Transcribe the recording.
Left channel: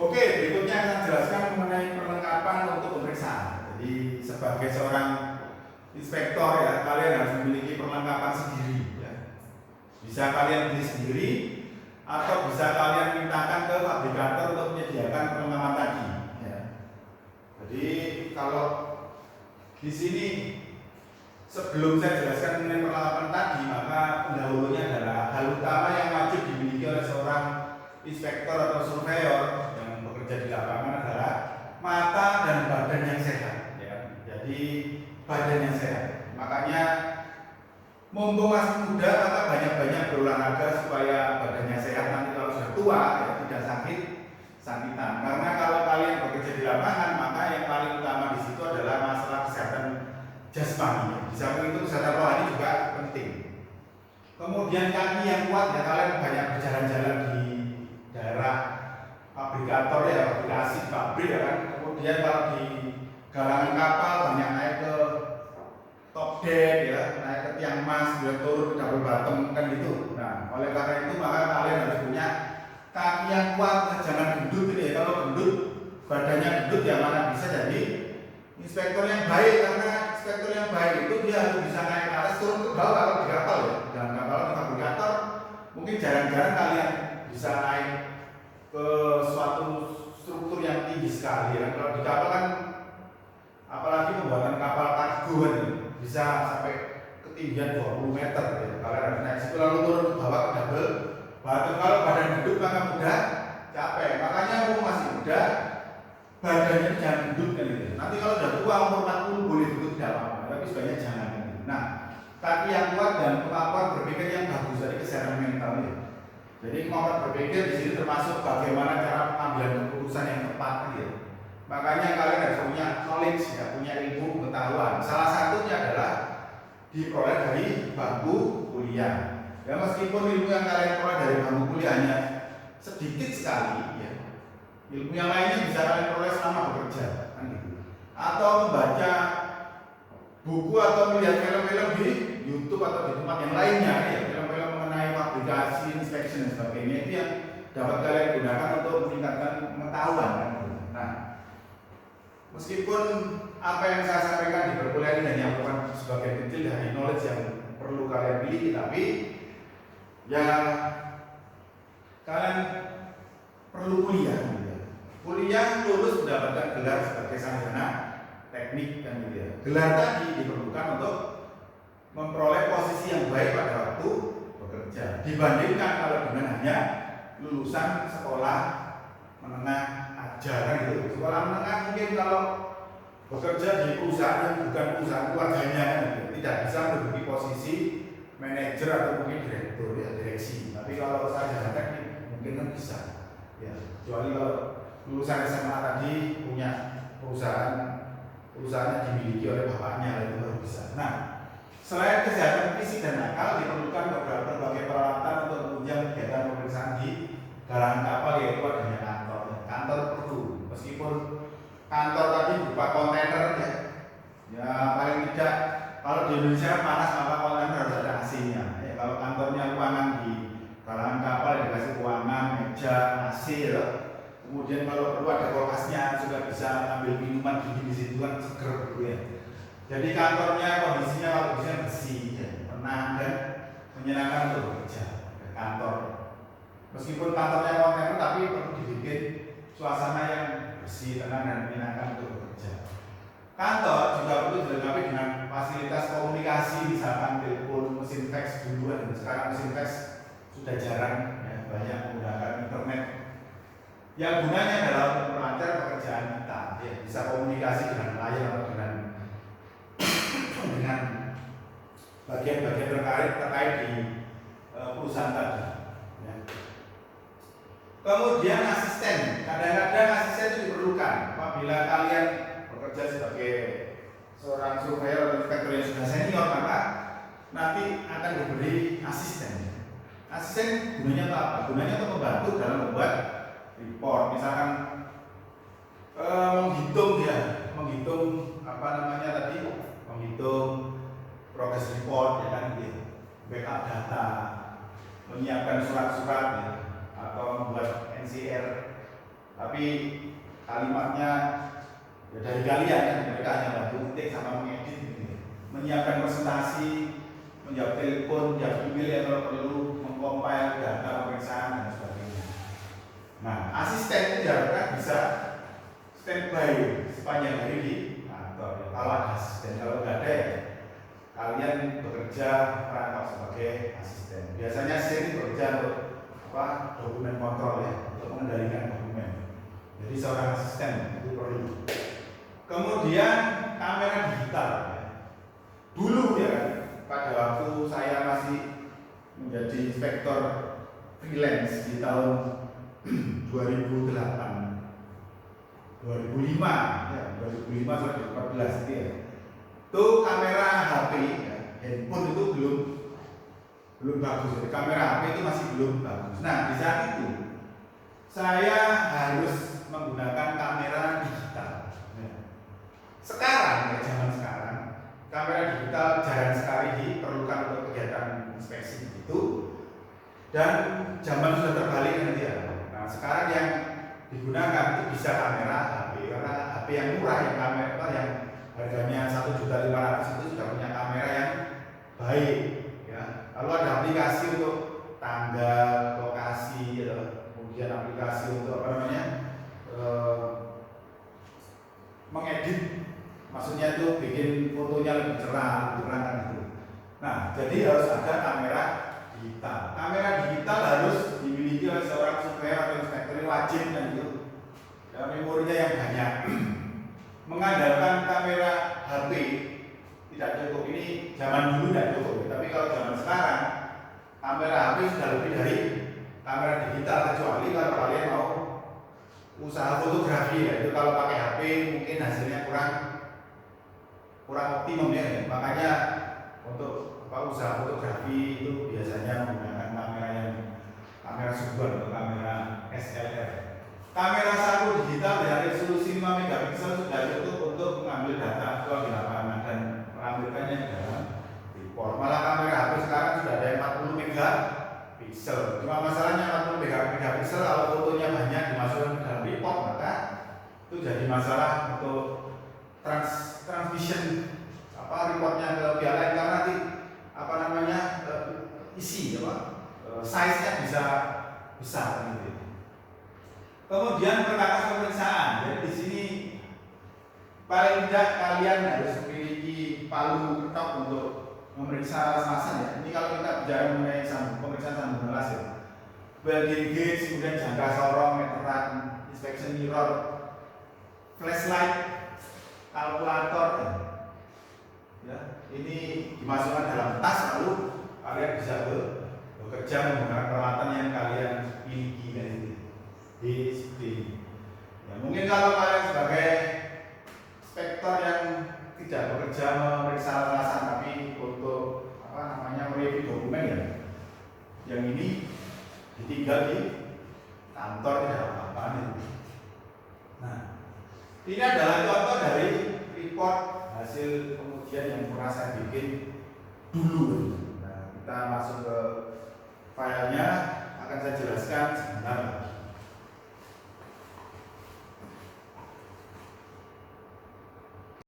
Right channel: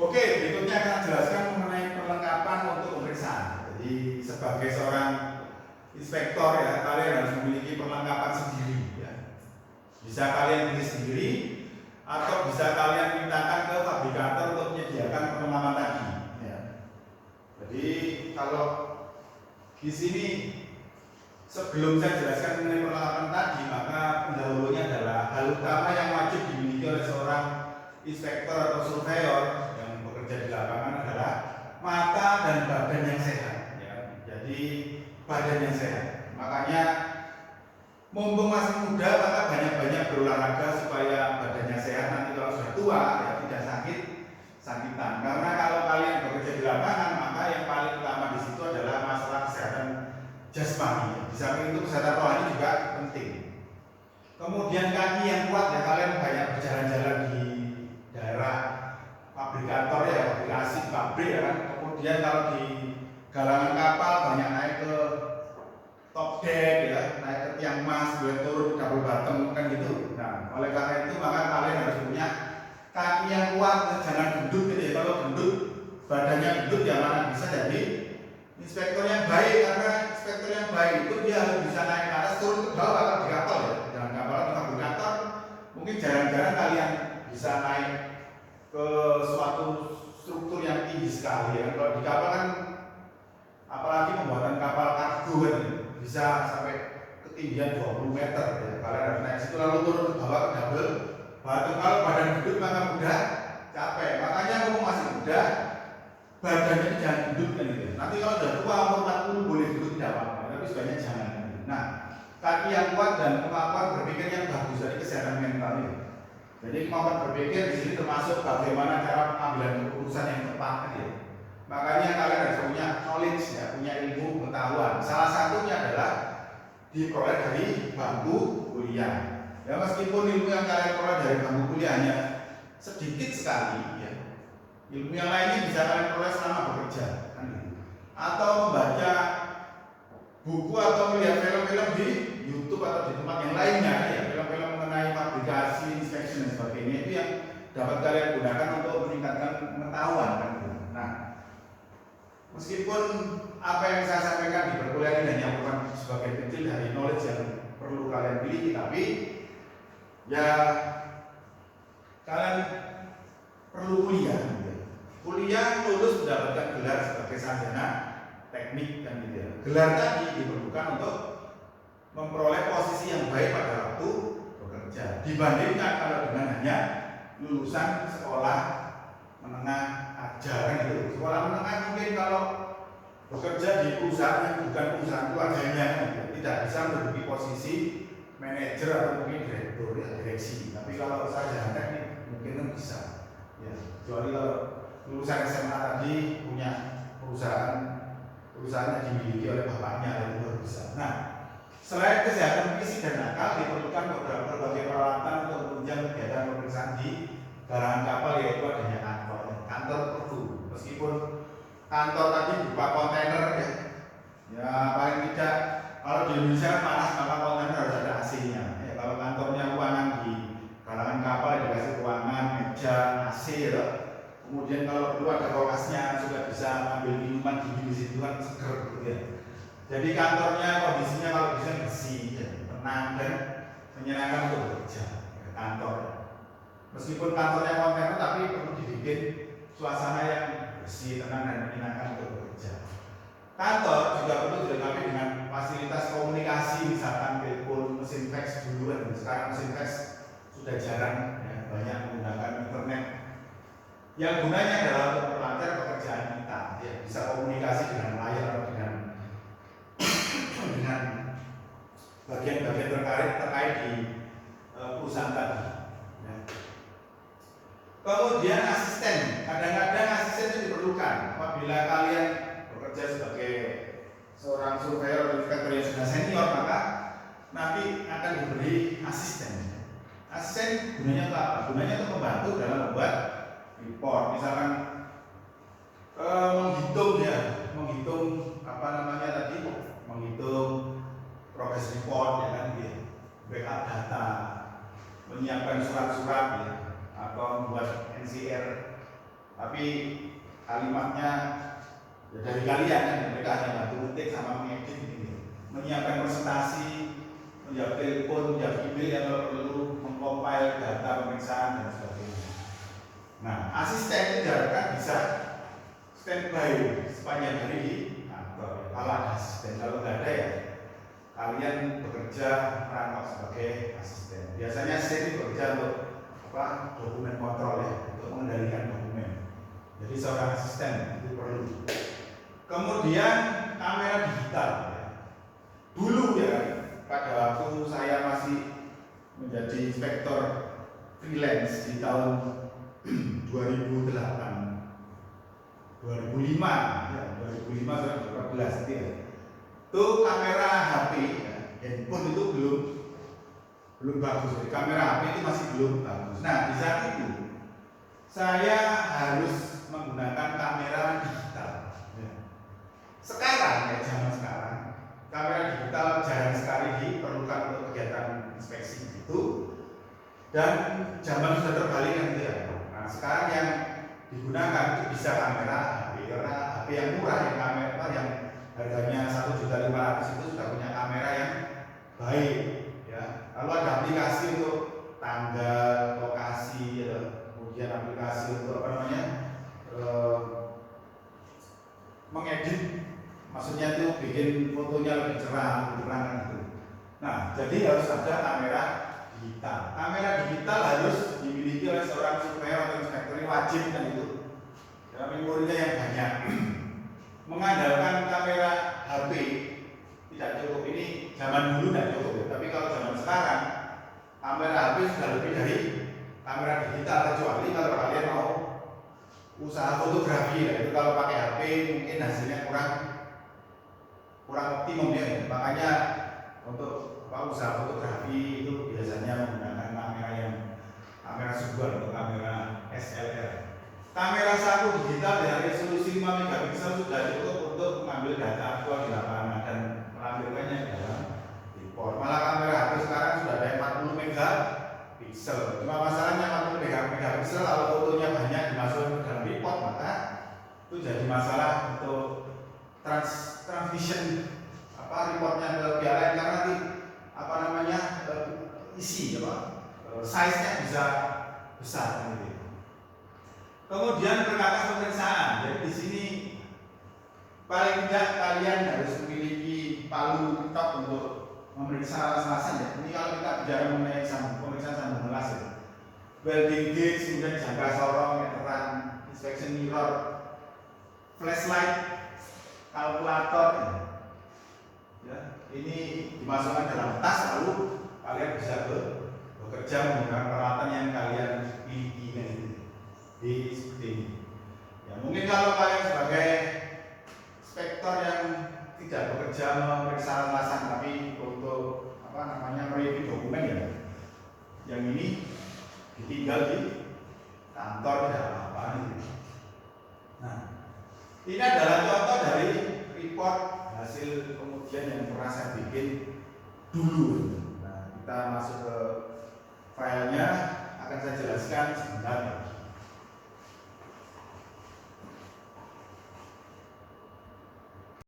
Oke, berikutnya akan jelaskan mengenai perlengkapan untuk pemeriksaan. Jadi sebagai seorang inspektor ya, kalian harus memiliki perlengkapan sendiri ya. Bisa kalian beli sendiri atau bisa kalian mintakan ke fabrikator untuk menyediakan perlengkapan tadi ya. Jadi kalau di sini sebelum saya jelaskan mengenai perlengkapan tadi, maka pendahulunya adalah hal utama yang wajib dimiliki oleh seorang inspektor atau surveyor yang bekerja di lapangan adalah mata dan badan yang sehat ya. Jadi badan yang sehat. Makanya mumpung masih muda maka banyak-banyak berolahraga supaya badannya sehat, nanti kalau sudah tua ya tidak sakitan. Karena kalau kalian bekerja di lapangan maka yang paling utama di situ adalah masalah kesehatan jasmani. Di samping itu kesehatan rohani juga penting. Kemudian kaki yang kuat ya, kalian banyak berjalan-jalan di daerah fabrikator ya, fabrikasi pabrik ya kan. Kemudian kalau di galangan kapal banyak naik ke top deck ya, naik ke tiang mas, kemudian turun ke double bottom kan gitu. Nah, oleh karena itu maka kalian harus punya kaki yang kuat, jangan gendut gitu ya. Kalau gendut, badannya gendut ya mana bisa jadi inspektor yang baik, karena inspektor yang baik itu dia harus bisa naik ke atas turun ke bawah kalau di kapal ya. Dalam kapal di fabrikator mungkin jarang-jarang kalian bisa naik ke suatu struktur yang tinggi sekali ya. Kalau di kapal kan apalagi pembuatan kapal kargo kan bisa sampai ketinggian 20 meter ya. Kalian harus naik situ lalu turun ke bawah ke double batu. Kalau badan gendut maka mudah capek. Makanya kalau masih muda badannya jangan gendut kan gitu. Nanti kalau sudah tua umur 40 boleh gendut tidak apa-apa, tapi sebaiknya jangan. Nah, kaki yang kuat dan kemampuan berpikir yang bagus dari kesehatan mental ya. Jadi kemampuan berpikir di sini termasuk bagaimana cara pengambilan keputusan yang tepat ya. Makanya kalian harus punya knowledge ya, punya ilmu pengetahuan. Salah satunya adalah diperoleh dari bangku kuliah. Ya meskipun ilmu yang kalian peroleh dari bangku kuliahnya sedikit sekali ya, ilmu yang lainnya bisa kalian peroleh selama bekerja kan gitu. Atau membaca buku atau melihat film-film di YouTube atau di tempat yang lainnya ya, film-film mengenai fabrikasi, inspection dan sebagainya, itu yang dapat kalian gunakan untuk meningkatkan pengetahuan kan gitu. Nah, meskipun apa yang saya sampaikan di perkuliahan ini hanya bukan sebagai kecil dari knowledge yang perlu kalian miliki, tapi ya kalian perlu kuliah gitu ya. Kuliah lulus mendapatkan gelar sebagai sarjana teknik kan gitu ya. Gelar tadi diperlukan untuk memperoleh posisi yang baik pada waktu bekerja dibandingkan kalau dengan hanya lulusan sekolah menengah aja kan gitu. Sekolah menengah mungkin kalau bekerja di perusahaan yang bukan perusahaan keluarganya kan gitu, tidak bisa menduduki posisi manajer atau mungkin direktur ya, direksi. Tapi kalau sarjana teknik mungkin kan bisa ya, kecuali kalau lulusan SMA tadi punya perusahaan yang dimiliki oleh bapaknya yang baru bisa. Nah, selain kesehatan fisik dan akal diperlukan berbagai peralatan untuk menunjang kegiatan pemeriksaan di galangan kapal, yaitu adanya kantor perlu. Meskipun kantor tadi berupa kontainer ya paling tidak kalau di Indonesia panas maka kontainer harus ada AC-nya ya. Kalau kantornya ruangan di galangan kapal dikasih ruangan, meja, AC ya. Kemudian kalau perlu ada kulkasnya, juga bisa ambil minuman dingin di situ kan seger gitu ya. Jadi kantornya kondisinya kalau bisa bersih, ya, tenang dan menyenangkan untuk bekerja kantor. Meskipun kantornya kontainer tapi perlu dibikin suasana yang bersih, tenang dan menyenangkan untuk bekerja. Kantor juga perlu dilengkapi dengan fasilitas komunikasi, misalkan telepon, mesin fax dulu dan sekarang mesin fax sudah jarang ya, banyak menggunakan internet. Yang gunanya adalah untuk memperlancar pekerjaan kita, ya, bisa komunikasi dengan layar atau dengan bagian-bagian terkait di perusahaan tadi. Ya. Kemudian asisten, kadang-kadang asisten itu diperlukan apabila kalian bekerja sebagai seorang surveyor atau inspektor yang sudah senior, maka nanti akan diberi asisten. Asisten gunanya apa? Gunanya untuk membantu dalam membuat report, misalkan menghitung apa namanya tadi, menghitung progress report ya kan gitu, backup data, menyiapkan surat-surat ya, atau membuat NCR tapi kalimatnya ya dari kalian kan, mereka hanya bantu ketik sama mengedit gitu. Menyiapkan presentasi, menjawab telepon, menjawab email ya kalau perlu, mengcompile data pemeriksaan dan sebagainya. Nah, asisten itu diharapkan bisa standby sepanjang hari di kantor. Kalau ada asisten, kalau nggak ada ya kalian bekerja merangkap sebagai asisten. Biasanya asisten bekerja untuk dokumen kontrol ya, untuk mengendalikan dokumen. Jadi seorang asisten itu perlu. Kemudian kamera digital ya. Dulu ya kan, pada waktu saya masih menjadi inspektor freelance di tahun 2008, 2005 ya, 2005 sampai 2014 itu ya. Itu kamera HP ya, handphone itu belum bagus. Jadi kamera HP itu masih belum bagus. Nah, di saat itu saya harus menggunakan kamera digital. Ya. Sekarang ya, zaman sekarang kamera digital jarang sekali diperlukan untuk kegiatan inspeksi begitu. Dan zaman sudah terbalik nanti ya. Nah, sekarang yang digunakan itu bisa kamera HP, karena HP yang murah, yang kamera yang harganya 1.500.000 itu sudah punya kamera yang baik ya. Lalu ada aplikasi untuk tanggal, lokasi ya, kemudian aplikasi untuk mengedit, maksudnya itu bikin fotonya lebih cerah kan gitu. Nah, jadi harus ada kamera digital. Kamera digital harus dimiliki oleh seorang supplier atau inspektor, ini wajib kan itu. Ya, memorinya yang banyak. Mengandalkan kamera HP tidak cukup. Ini zaman dulu tidak cukup, tapi kalau zaman sekarang kamera HP sudah lebih dari kamera digital, kecuali kalau kalian mau usaha fotografi ya. Itu kalau pakai HP mungkin hasilnya kurang optimum ya. Makanya untuk usaha fotografi itu biasanya menggunakan kamera sumber atau kamera SLR. Kamera saku digital dengan resolusi 5 megapiksel sudah cukup untuk mengambil data aktual di lapangan dan menampilkannya di dalam report. Malah kamera HP sekarang sudah ada 40 megapiksel. Cuma masalahnya 40 megapiksel kalau fotonya banyak dimasukkan ke dalam report, maka itu jadi masalah untuk transmission reportnya ke pihak lain, karena nanti isi size-nya bisa besar gitu. Kemudian perkakas pemeriksaan. Jadi di sini paling tidak kalian harus memiliki palu ketok untuk memeriksa lasan ya. Ini kalau kita bicara mengenai pemeriksaan sambungan kelas ya. Welding gauge, kemudian jangka sorong, meteran, inspection mirror, flashlight, kalkulator. Ya, ini dimasukkan dalam tas, lalu kalian bisa bekerja menggunakan peralatan yang kalian miliki kan itu. Seperti ini. Ya, mungkin kalau kalian sebagai inspektor yang tidak bekerja memeriksa lasan tapi untuk mereview dokumen ya, yang ini ditinggal di kantor tidak apa-apa itu. Nah, ini adalah contoh dari report hasil kemudian yang pernah saya bikin dulu. Nah, kita masuk ke filenya, akan saya jelaskan sebentar.